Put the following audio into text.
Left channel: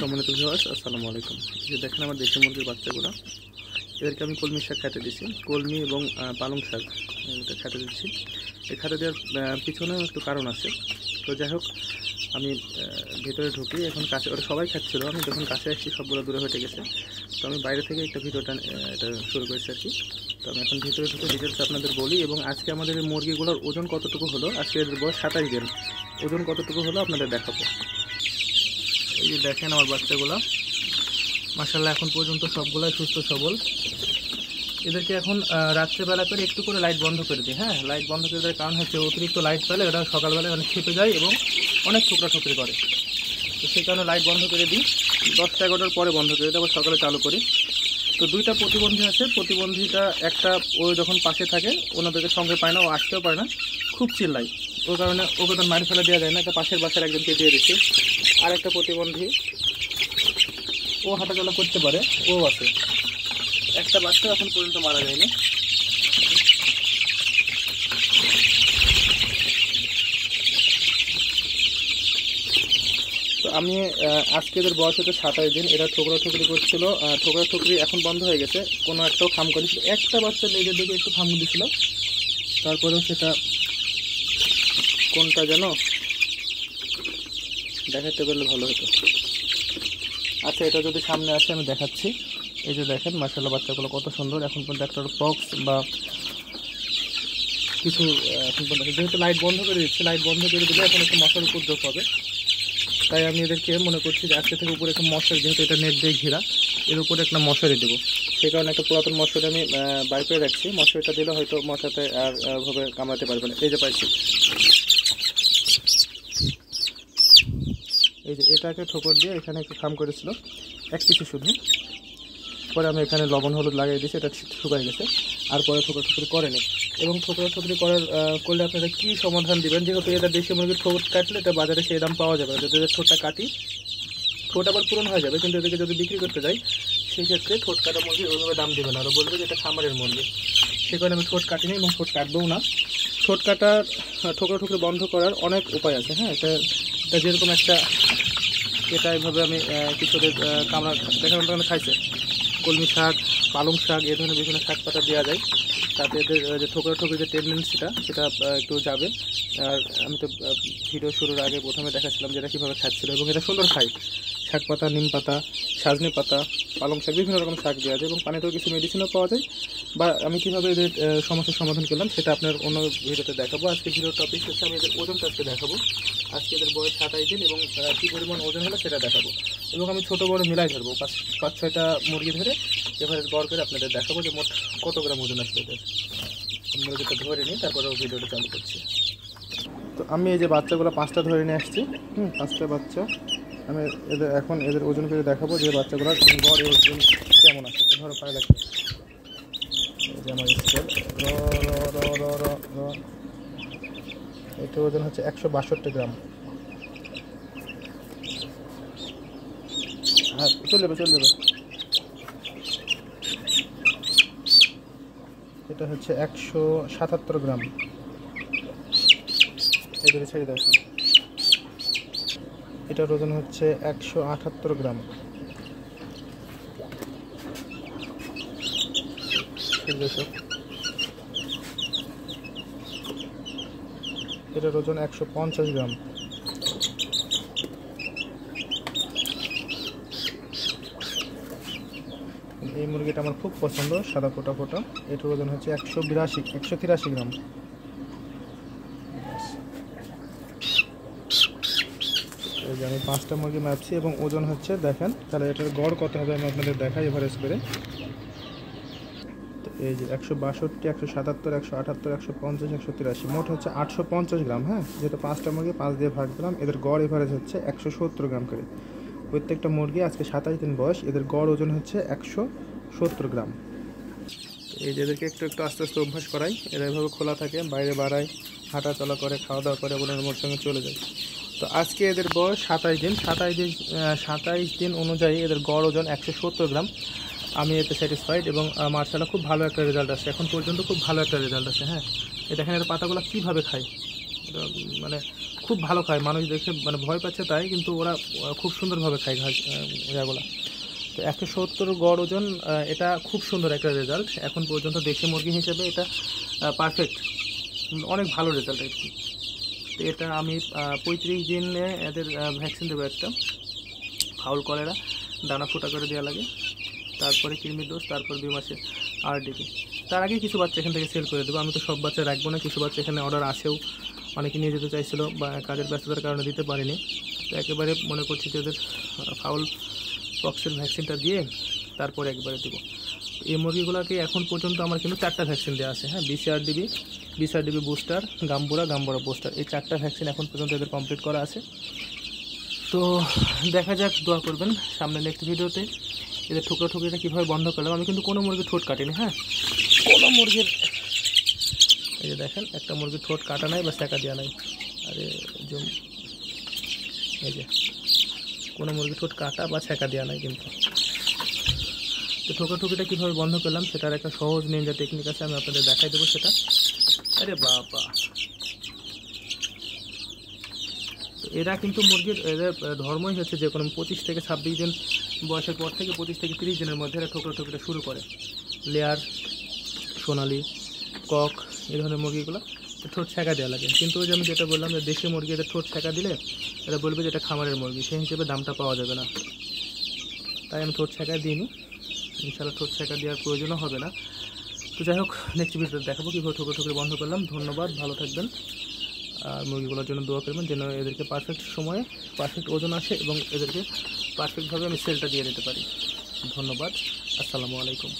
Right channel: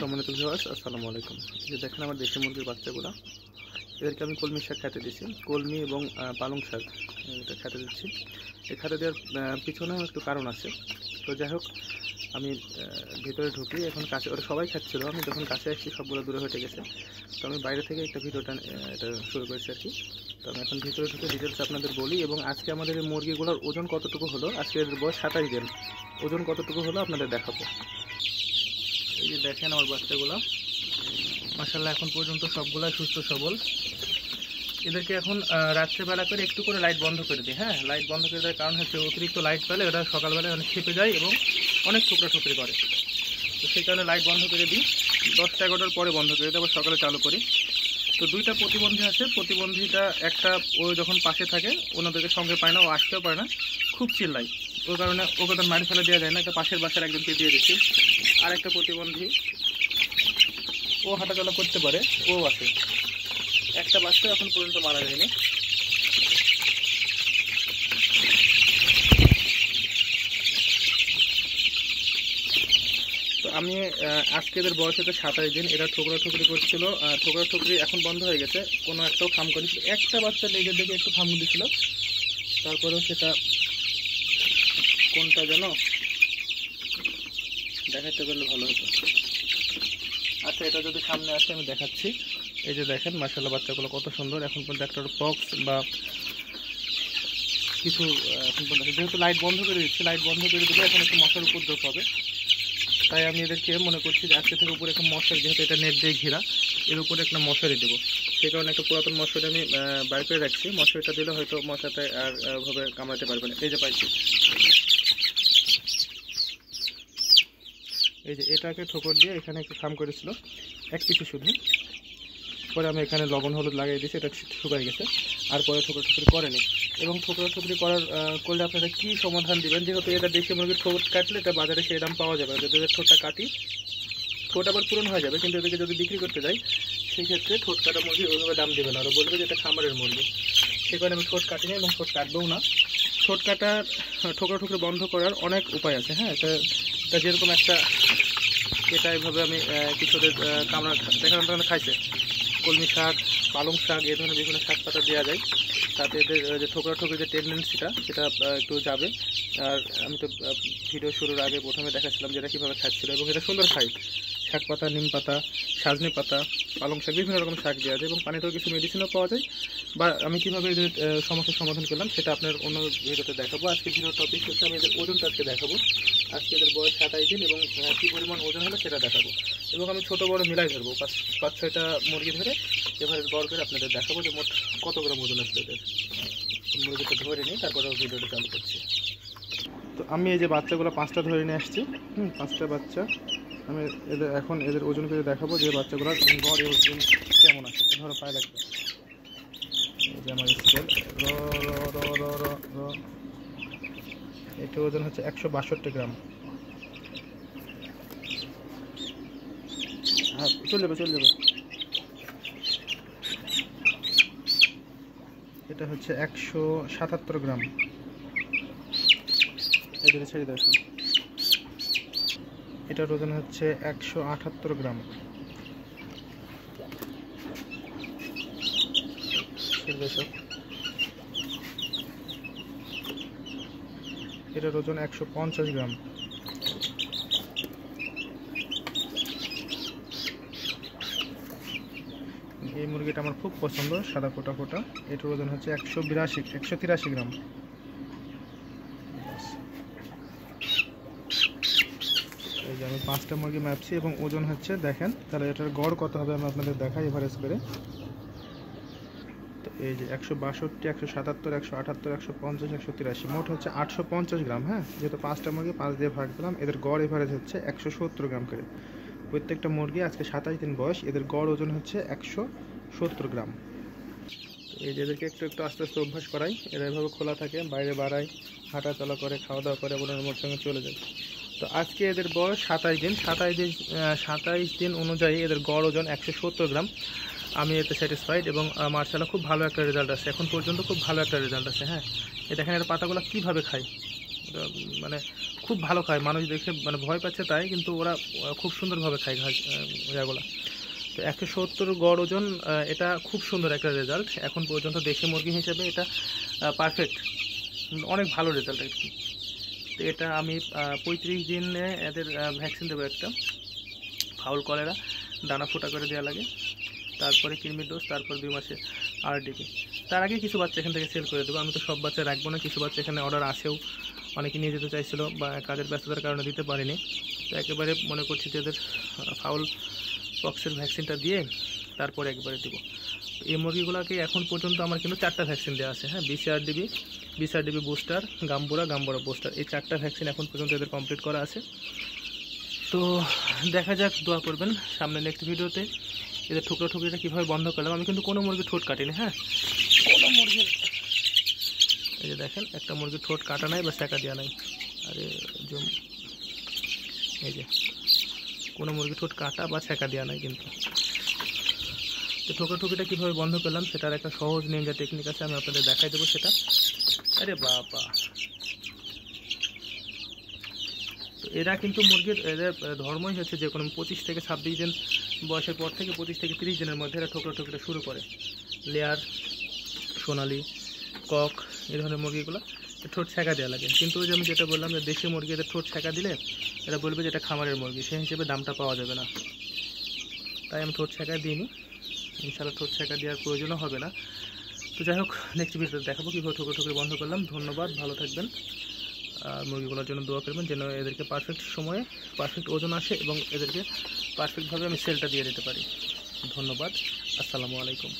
সম্মানিত ভিউয়ার্স, আসসালামু আলাইকুম। যে দেখেন আমার দেশি মুরগির বাচ্চাগুলো, এদেরকে আমি কলমি শাক খেতে দিচ্ছি। কলমি এবং পালং শাক এটা খেতে দিচ্ছি। এই খেতে দেওয়ার পিছনেও একটু কারণ আছে। তো যাই হোক, আমি ভিতরে ঢুকি, এখন কাছে ওরা সবাই খাচ্ছিলো। আমি যখন কাছে আসছি সবগুলো দূরে হয়ে গেছে। তো আমি বাইরে থেকে একটা ভিডিওটা এটা শুরু করেছি আর কি। তো আমি এখন ভিতরে ঢুকে ডিটেলস আপনাদের বলি, এবং আজকে আমাদের এই মুরগিগুলোর ওজন কতটুকু হলো, আজকে এদের বয়স 27 দিন, ওজন কতটুকু হলো আপনাদের দেখাবো। এই যে দেখেন আমার বাচ্চাগুলো, মাশাআল্লাহ এখন পর্যন্ত সবগুলাই সুস্থ সবল। এদেরকে এখন রাত্রেবেলা করে একটু করে লাইট বন্ধ করে দিই। হ্যাঁ, লাইট বন্ধ করে দেওয়ার কারণ হচ্ছে অতিরিক্ত লাইট পেলে ওরা সকালবেলায় অনেক খেপে যায় এবং অনেক ঠোকরাঠুকরি করে। তো সেই কারণে লাইট বন্ধ করে দিই, 10-11টার পরে বন্ধ করে দিই, আবার সকালে চালু করি। তো দুইটা প্রতিবন্ধী আছে। প্রতিবন্ধীটা একটা ও যখন পাশে থাকে ওনাদেরকে সঙ্গে পায় না, ও আসতেও পারে না, খুব চিল্লাই। ওই কারণে ওকে তো মারি ফেলে দেওয়া যায় না, একটা পাশের বাসার একজনকে দিয়ে দিচ্ছি। আর একটা প্রতিবন্ধী, ও হাঁটাচলা করতে পারে, ও আছে। একটা বাচ্চা এখন পর্যন্ত মারা যায়নি। তো আমি আজকে এদের বয়স হচ্ছে 27 দিন। এরা ঠোকরাঠুকরি করছিল, ঠোকরাঠুকরি এখন বন্ধ হয়ে গেছে, কোনো একটাও খাম করেছিল। একটা বাচ্চা নিজের দিকে একটু খাম দিয়েছিল, তারপরেও সেটা কোনটা যেন দেখাতে পারলে ভালো হতো। আচ্ছা, এটা যদি সামনে আসে আমি দেখাচ্ছি। এই যে দেখেন মাশাআল্লাহ বাচ্চাগুলো কত সুন্দর। এখন পর্যন্ত একটা পক্স বা কিছু এখন পর্যন্ত, যেহেতু লাইট বন্ধ করে দিচ্ছি, লাইট বন্ধ করে দিলে এখন একটু মশার উপদ্রব হবে। তাই আমি এদেরকে মনে করছি যে আজকে থেকে উপরে একটা মশারি, যেহেতু এটা নেট দিয়ে ঘেরা, এর উপরে একটা মশারি দেবো। সেই কারণে একটা পুরাতন মশারি আমি বাইর করে রাখছি। মশারিটা দিলে হয়তো মশাতে আর ভাবে কামড়াতে পারবে না। এই যে পাইছি, এই যে এটাকে ঠোকর দিয়ে এখানে একটু খাম করেছিল এক পিছু শুধু, পরে আমি এখানে লবণ হলুদ লাগিয়ে দিয়েছি, এটা শুকাই গেছে। আর পরে ঠোকরাঠুকরি করেনি। এবং ঠোকরাঠুকরি করলে আপনারা কী সমাধান দিবেন, যেহেতু এদের দেশি মুরগির ঠোঁট কাটলে এটা বাজারে সেই দাম পাওয়া যাবে না। যদি এদের ঠোঁটটা কাটি, ঠোঁট আবার পূরণ হয়ে যাবে, কিন্তু এদেরকে যদি বিক্রি করতে যাই সেই ক্ষেত্রে ঠোঁট কাটা মুরগি ওইভাবে দাম দেবে না, ওরা বলবে যে এটা খামারের মুরগি। সেই কারণে আমি ঠোঁট কাটিনি এবং ঠোঁট কাটবেও না। ঠোঁট কাটার ঠোকরাঠুকরি বন্ধ করার অনেক উপায় আছে। হ্যাঁ, এটা যেরকম একটা, এটা এইভাবে আমি কিছুদের কামড়া দেখানোর খাইছে, কলমি শাক, পালং শাক, এই ধরনের বিভিন্ন শাক পাতা দেওয়া যায়, তাতে এদের যে ঠোকরাঠুকরি যে টেন্ডেন্সিটা সেটা একটু যাবে। আর আমি তো ভিডিও শুরুর আগে প্রথমে দেখাচ্ছিলাম যে এটা কীভাবে খাচ্ছিল, এবং এটা সুন্দর খায়। শাক পাতা, নিম পাতা, সাজনে পাতা, পালং শাক, বিভিন্ন রকম শাক দেওয়া যায়, এবং পানিতেও কিছু মেডিসিনও পাওয়া যায়। বা আমি কীভাবে এদের সমস্যার সমাধান করলাম সেটা আপনার অন্য ভিডিওতে দেখাবো। আজকে ভিডিওর টপিক হচ্ছে আমি এদের ওজনটা আজকে দেখাবো। আজকে এদের বয়স 27 দিন এবং কী পরিমাণ ওজন হলো সেটা দেখাবো। এবং আমি ছোটো বড় মিলাই ধরবো, 5-6টা মুরগি ধরে এভারেজ গড় করে আপনাদের দেখাবো যে মোট কত গ্রাম ওজন আসবে এদের। মুরগিটা ধরে নিই, তারপরে ভিডিওটা চালু করছি। তো আমি এই যে বাচ্চাগুলো 5টা ধরে নিয়ে আসছি। 5টা বাচ্চা আমি এদের ওজন করে দেখাবো যে বাচ্চাগুলোর গড় ওজন কেমন আছে। ধরো পায়ে লাগবে, এই যে আমার স্কেল, এটা ওজন হচ্ছে 162 গ্রাম। হ্যাঁ, চলে যাবে। এটা হচ্ছে 177 গ্রাম। এই ধরে ছেড়ে দেখো, এটার ওজন হচ্ছে 178 গ্রাম। এটার ওজন 150 গ্রাম। এই মুরগিটা আমার খুব পছন্দ, সাদা ফোটা ফোটা। এটার ওজন হচ্ছে 183 গ্রাম। এই যে আমি 5টা মুরগি মাপছি এবং ওজন হচ্ছে, দেখেন তাহলে এটার গড় কত হবে আমি আপনাদের দেখাই এভারেজ করে। তো এই যে 162, 177, 178, 150, 183, মোট হচ্ছে 850 গ্রাম। হ্যাঁ, যেহেতু 5টা মুরগি 5 দিয়ে ভাগ দিলাম, এদের গড় এভারেজ হচ্ছে 170 গ্রাম করে। প্রত্যেকটা মুরগি আজকে 27 দিন বয়স, এদের গড় ওজন হচ্ছে 170 গ্রাম। এই যে এদেরকে একটু আস্তে আস্তে অভ্যাস করাই, এরা এভাবে খোলা থাকে, বাইরে বাড়ায়, হাঁটা চলা করে, খাওয়া দাওয়া করে, ওনার মোর সঙ্গে চলে যায়। তো আজকে এদের বয়স 27 দিন। 27 দিন অনুযায়ী এদের গড় ওজন 170 গ্রাম। আমি এতে স্যাটিসফাইড এবং মার্শাল্লাহ খুব ভালো একটা রেজাল্ট আছে, এখন পর্যন্ত খুব ভালো একটা রেজাল্ট আছে। হ্যাঁ, এই দেখেন এর পাতাগুলো কীভাবে খায়, মানে খুব ভালো খায়, মানুষ দেখে মানে ভয় পাচ্ছে তাই, কিন্তু ওরা খুব সুন্দরভাবে খায় ঘাস ইয়াগুলা। তো 170 গড় ওজন, এটা খুব সুন্দর একটা রেজাল্ট এখন পর্যন্ত দেশি মুরগি হিসেবে, এটা পারফেক্ট, অনেক ভালো রেজাল্ট আর কি। তো এটা আমি 35 দিনে এদের ভ্যাকসিন দেবো, একটা ফাউল কলেরা দানা ফুটা করে দেওয়া লাগে, তারপরে কৃমির ডোজ, তারপর 2 মাসে RDP। তার আগে কিছু বাচ্চা এখান থেকে সেল করে দেবো। আমি তো সব বাচ্চা রাখবো না, কিছু বাচ্চা এখানে অর্ডার আসেও, অনেকে নিয়ে যেতে চাইছিল বা কাজের ব্যস্ততার কারণে দিতে পারিনি। তো একেবারে মনে করছি যে এদের ফাউল পক্সের ভ্যাকসিনটা দিয়ে তারপরে একবারে দেবো। এই মুরগিগুলোকে এখন পর্যন্ত আমার কিন্তু 4টা ভ্যাকসিন দেওয়া আছে, হ্যাঁ, BCRDB বুস্টার, গাম্বুরা বুস্টার, এই 4টা ভ্যাকসিন এখন পর্যন্ত এদের কমপ্লিট করা আছে। তো দেখা যাক, দোয়া করবেন। সামনে নেক্সট ভিডিওতে এদের ঠুকরিটা কীভাবে বন্ধ করলাম। আমি কিন্তু কোনো মুরগির ঠোঁট কাটিনি, হ্যাঁ, কোনো মুরগির, এই যে দেখেন একটা মুরগির ঠোঁট কাটা নাই বা সেঁকা দেওয়া নাই, আরে এই যে কোনো মুরগির ঠোঁট কাটা বা সেঁকা দেওয়া নাই কিন্তু। তো ঠুকরিটা কীভাবে বন্ধ করলাম সেটার একটা সহজ নিনজা টেকনিক আছে, আমি আপনাদের দেখাই দেবো সেটা। আরে বাবা, তো এরা কিন্তু মুরগির, এদের ধর্মই হচ্ছে যে কোনো 25 থেকে 26 দিন বয়সের পর থেকে 25 থেকে 30 দিনের মধ্যে এরা ঠুকরিটা শুরু করে। লেয়ার, সোনালি, কক, এই ধরনের মুরগিগুলো ঠোঁট সেঁকা দেওয়া লাগে। কিন্তু ওই যে আমি যেটা বললাম যে দেশি মুরগি এদের ঠোঁট সেঁকা দিলে এরা বলবে যে এটা খামারের মুরগি, সেই হিসেবে দামটা পাওয়া যাবে না, তাই আমি ঠোঁট সেঁকা দিইনি। ইনশাআল্লাহ ঠোঁট সেঁকা দেওয়ার প্রয়োজনও হবে না। তো যাই হোক, নেক্সট ভিডিওতে দেখাবো কীভাবে ঠুকরি বন্ধ করলাম। ধন্যবাদ, ভালো থাকবেন, আর মুরগিগুলোর জন্য দোয়া করবেন যেন এদেরকে পারফেক্ট সময়ে পারফেক্ট ওজন আসে এবং এদেরকে পারফেক্টভাবে আমি সেলটা দিয়ে দিতে পারি। ধন্যবাদ, আসসালামু আলাইকুম।